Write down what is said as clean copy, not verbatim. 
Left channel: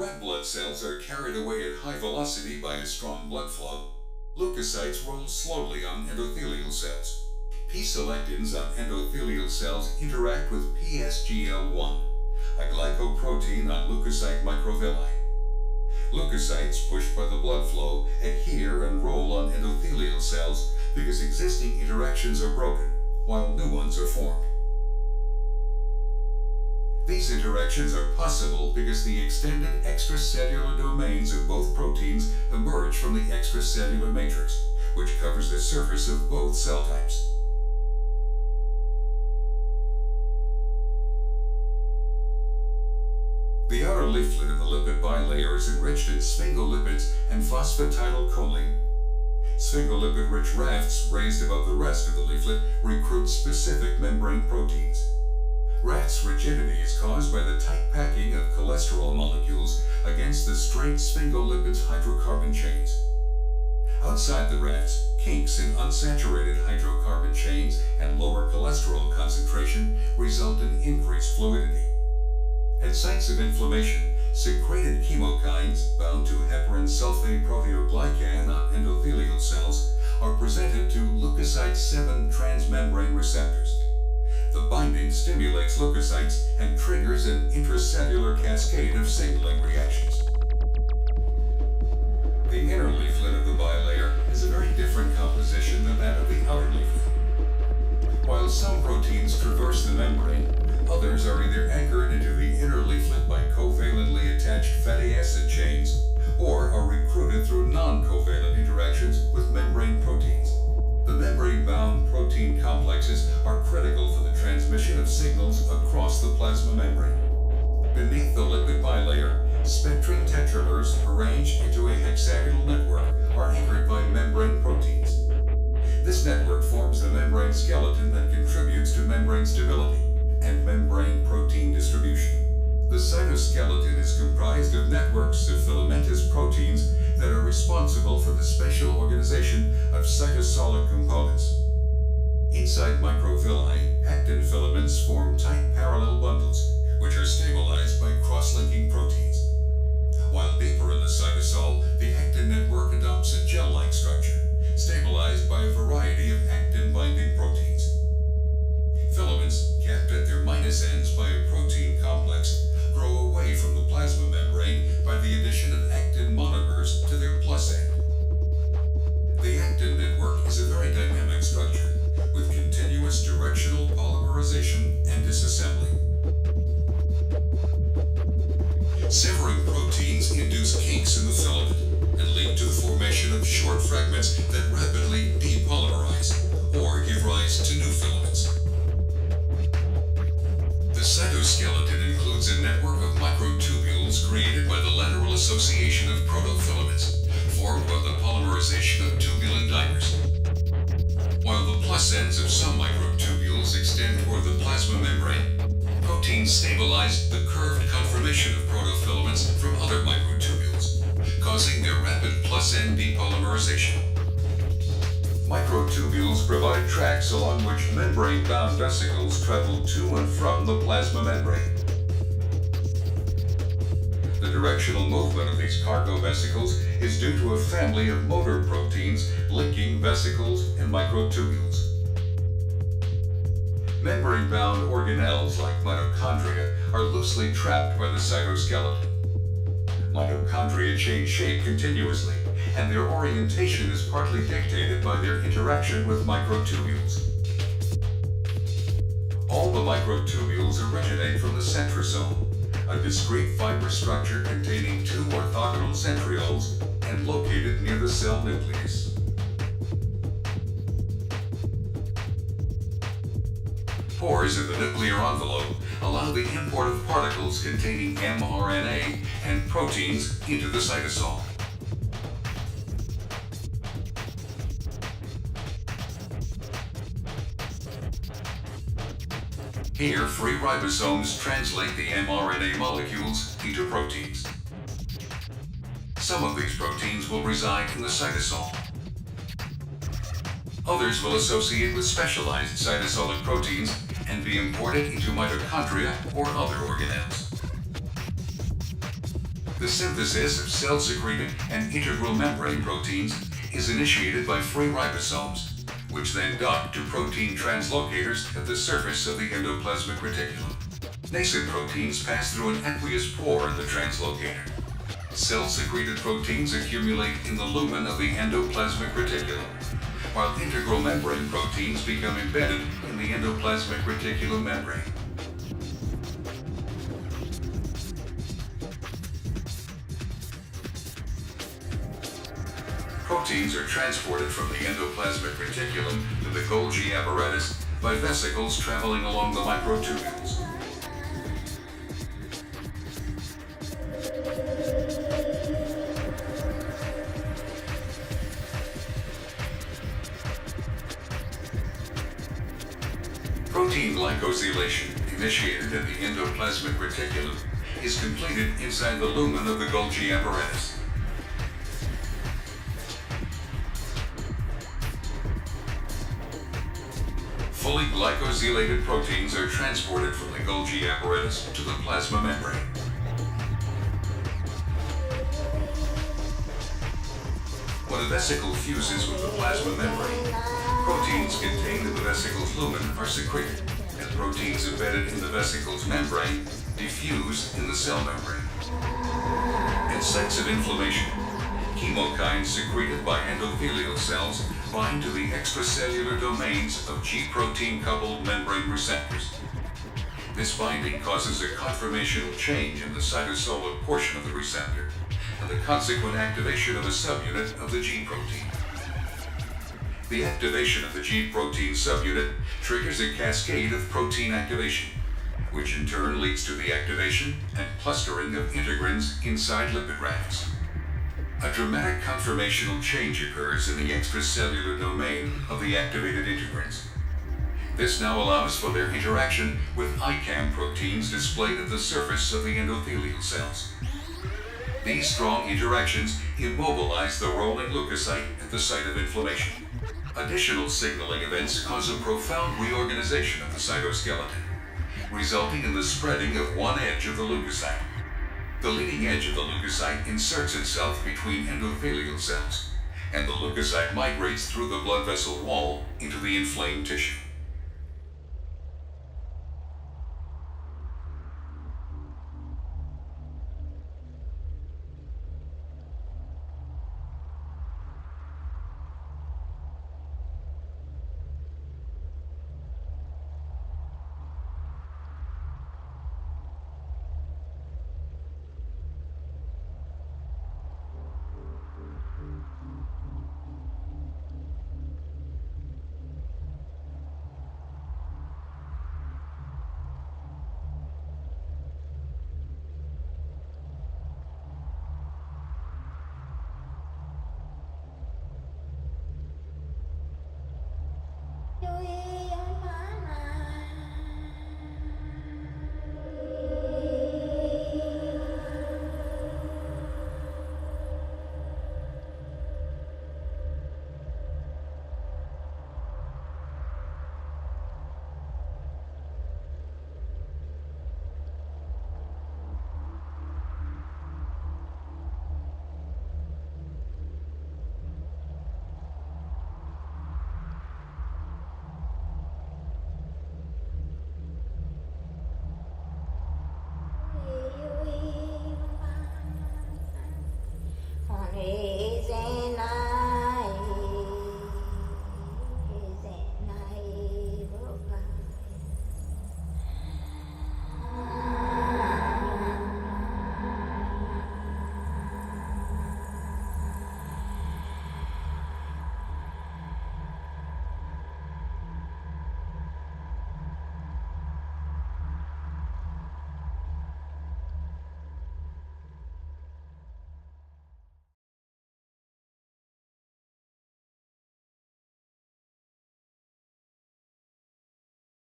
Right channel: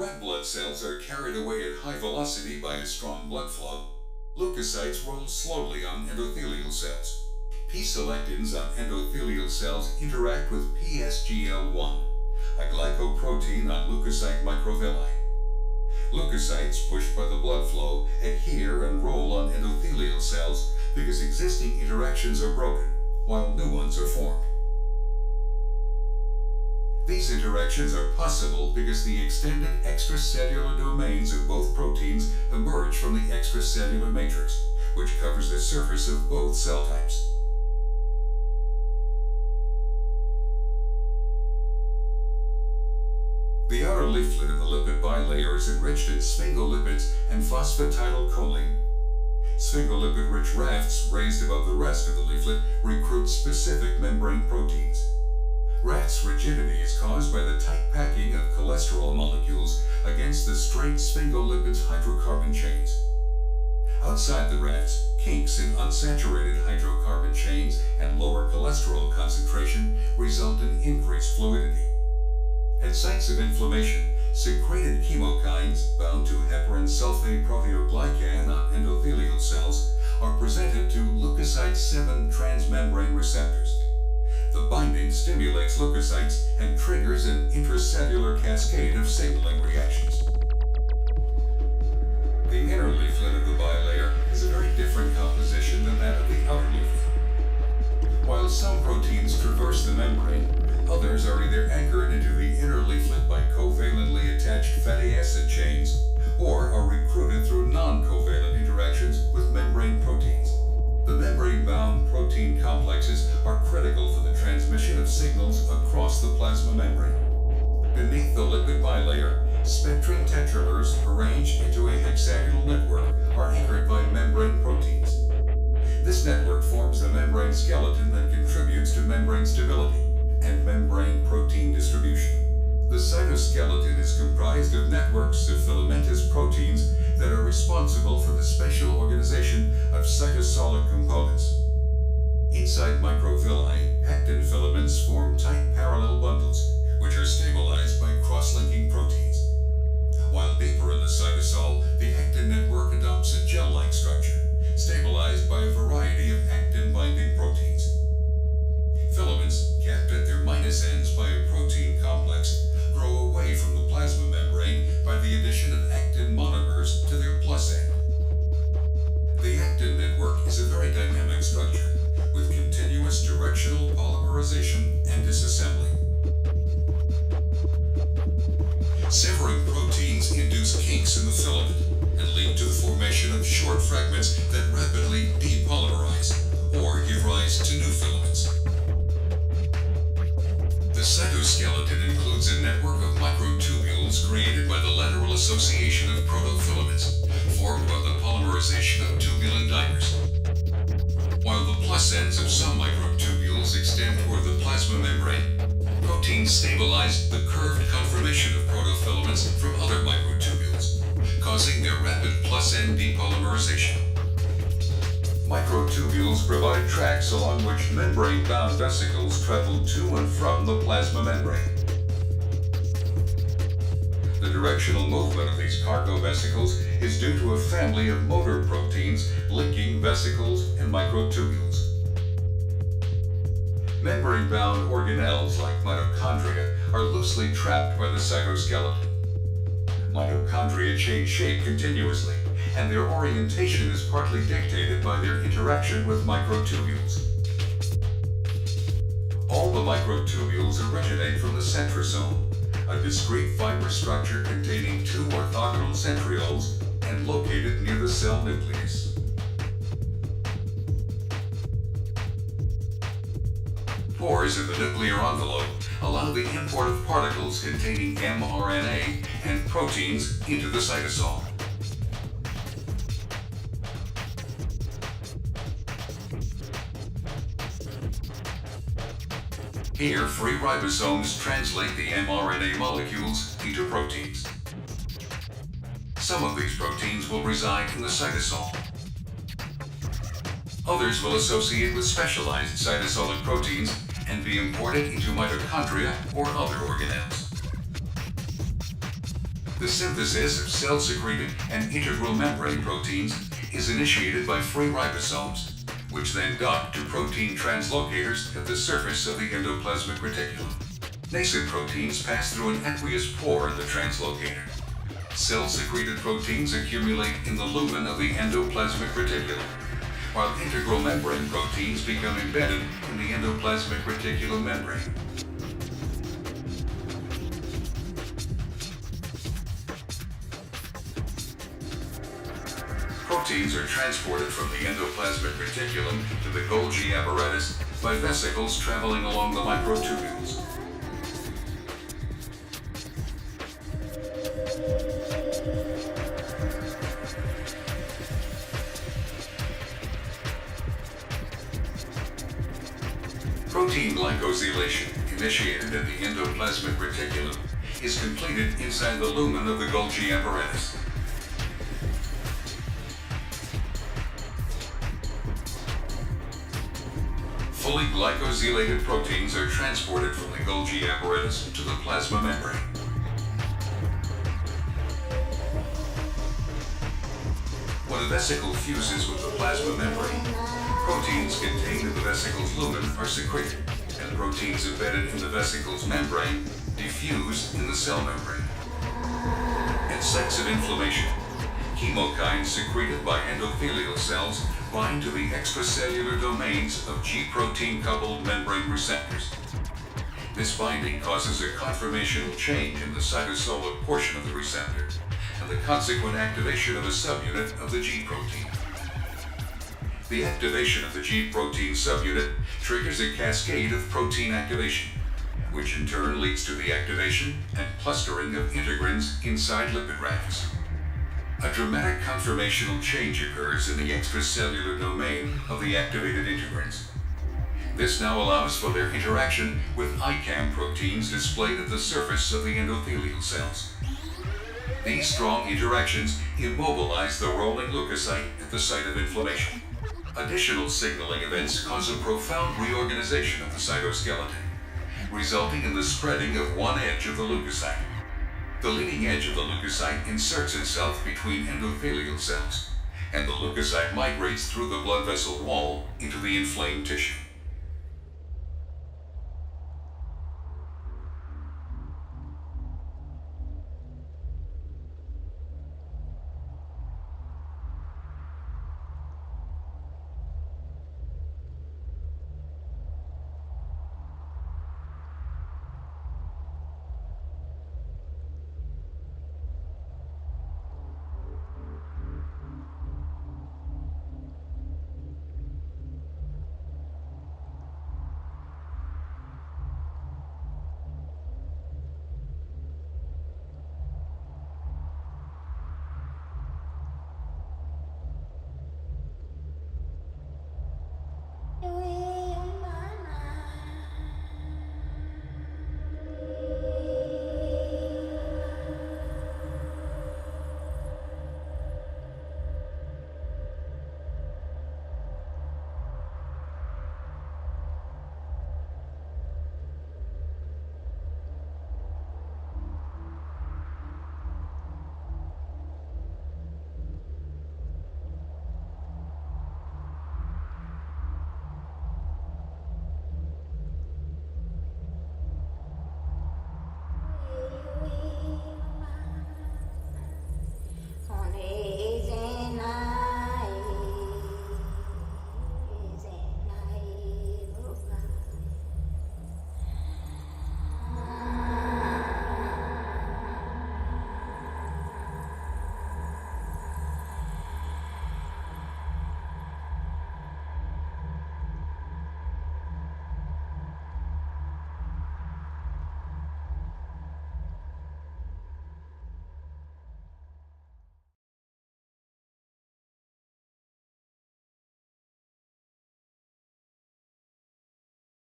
red blood cells are carried away at high velocity by a strong blood flow, leukocytes roll slowly on endothelial cells. P-selectins on endothelial cells interact with PSGL1, a glycoprotein on leukocyte microvilli. Leukocytes, pushed by the blood flow, adhere and roll on endothelial cells because existing interactions are broken, while new ones are formed. These interactions are possible because the extended extracellular domains of both proteins emerge from the extracellular matrix, which covers the surface of both cell types. The outer leaflet of the lipid bilayer is enriched in sphingolipids and phosphatidylcholine. Sphingolipid-rich rafts raised above the rest of the leaflet recruit specific membrane proteins. Raft's rigidity is caused by the tight packing of cholesterol molecules against the straight sphingolipids hydrocarbon chains. Outside the rafts, kinks in unsaturated hydrocarbon chains and lower cholesterol concentration result in increased fluidity. At sites of inflammation, secreted chemokines bound to heparin sulfate proteoglycan on endothelial cells are presented to leukocyte 7 transmembrane receptors. The binding stimulates leukocytes and triggers an intracellular cascade of signaling reactions. The inner leaflet of the bilayer has a very different composition than that of the outer leaflet. While some proteins traverse the membrane, others are either anchored into the inner leaflet by covalently attached fatty acid chains or are recruited through non-covalent interactions with membrane proteins. The membrane-bound protein complexes are critical for the transmission of signals across the plasma membrane. Beneath the lipid bilayer, spectrin tetramers arranged into a hexagonal network are anchored by membrane proteins. This network forms the membrane skeleton that contributes to membrane stability and membrane protein distribution. The cytoskeleton is comprised of networks of filamentous proteins that are responsible for the spatial organization of cytosolic components. Inside microvilli, actin filaments form tight parallel bundles, which are stabilized by cross-linking proteins. While deeper in the cytosol, the actin network adopts a gel-like structure, stabilized by a variety of actin-binding proteins. Filaments, kept at their minus ends by a protein complex, grow away from the plasma membrane by the addition of actin monomers to their plus end. The actin network is a very dynamic structure, with continuous directional polymerization and disassembly. Severing proteins induce kinks in the filament and lead to the formation of short fragments that rapidly depolymerize or give rise to new filaments. The cytoskeleton includes a network of microtubules created by the lateral association of protofilaments, formed by the polymerization of tubulin dimers. While the plus ends of some microtubules extend toward the plasma membrane, proteins stabilize the curved conformation of protofilaments from other microtubules, causing their rapid plus end depolymerization. Microtubules provide tracks along which membrane-bound vesicles travel to and from the plasma membrane. The directional movement of these cargo vesicles is due to a family of motor proteins linking vesicles and microtubules. Membrane-bound organelles like mitochondria are loosely trapped by the cytoskeleton. Mitochondria change shape continuously, and their orientation is partly dictated by their interaction with microtubules. All the microtubules originate from the centrosome, a discrete fiber structure containing 2 orthogonal centrioles and located near the cell nucleus. Pores in the nuclear envelope allow the import of particles containing mRNA and proteins into the cytosol. Here, free ribosomes translate the mRNA molecules into proteins. Some of these proteins will reside in the cytosol. Others will associate with specialized cytosolic proteins and be imported into mitochondria or other organelles. The synthesis of cell-secreted and integral membrane proteins is initiated by free ribosomes, which then dock to protein translocators at the surface of the endoplasmic reticulum. Nascent proteins pass through an aqueous pore in the translocator. Cell-secreted proteins accumulate in the lumen of the endoplasmic reticulum, while integral membrane proteins become embedded in the endoplasmic reticulum membrane. Proteins are transported from the endoplasmic reticulum to the Golgi apparatus by vesicles traveling along the microtubules. Protein glycosylation, initiated in the endoplasmic reticulum, is completed inside the lumen of the Golgi apparatus. Fully glycosylated proteins are transported from the Golgi apparatus to the plasma membrane. When a vesicle fuses with the plasma membrane, proteins contained in the vesicle's lumen are secreted, and proteins embedded in the vesicle's membrane diffuse in the cell membrane. At sites of inflammation, chemokines secreted by endothelial cells bind to the extracellular domains of G-protein-coupled membrane receptors. This binding causes a conformational change in the cytosolic portion of the receptor, and the consequent activation of a subunit of the G-protein. The activation of the G-protein subunit triggers a cascade of protein activation, which in turn leads to the activation and clustering of integrins inside lipid rafts. A dramatic conformational change occurs in the extracellular domain of the activated integrins. This now allows for their interaction with ICAM proteins displayed at the surface of the endothelial cells. These strong interactions immobilize the rolling leukocyte at the site of inflammation. Additional signaling events cause a profound reorganization of the cytoskeleton, resulting in the spreading of one edge of the leukocyte. The leading edge of the leukocyte inserts itself between endothelial cells, and the leukocyte migrates through the blood vessel wall into the inflamed tissue.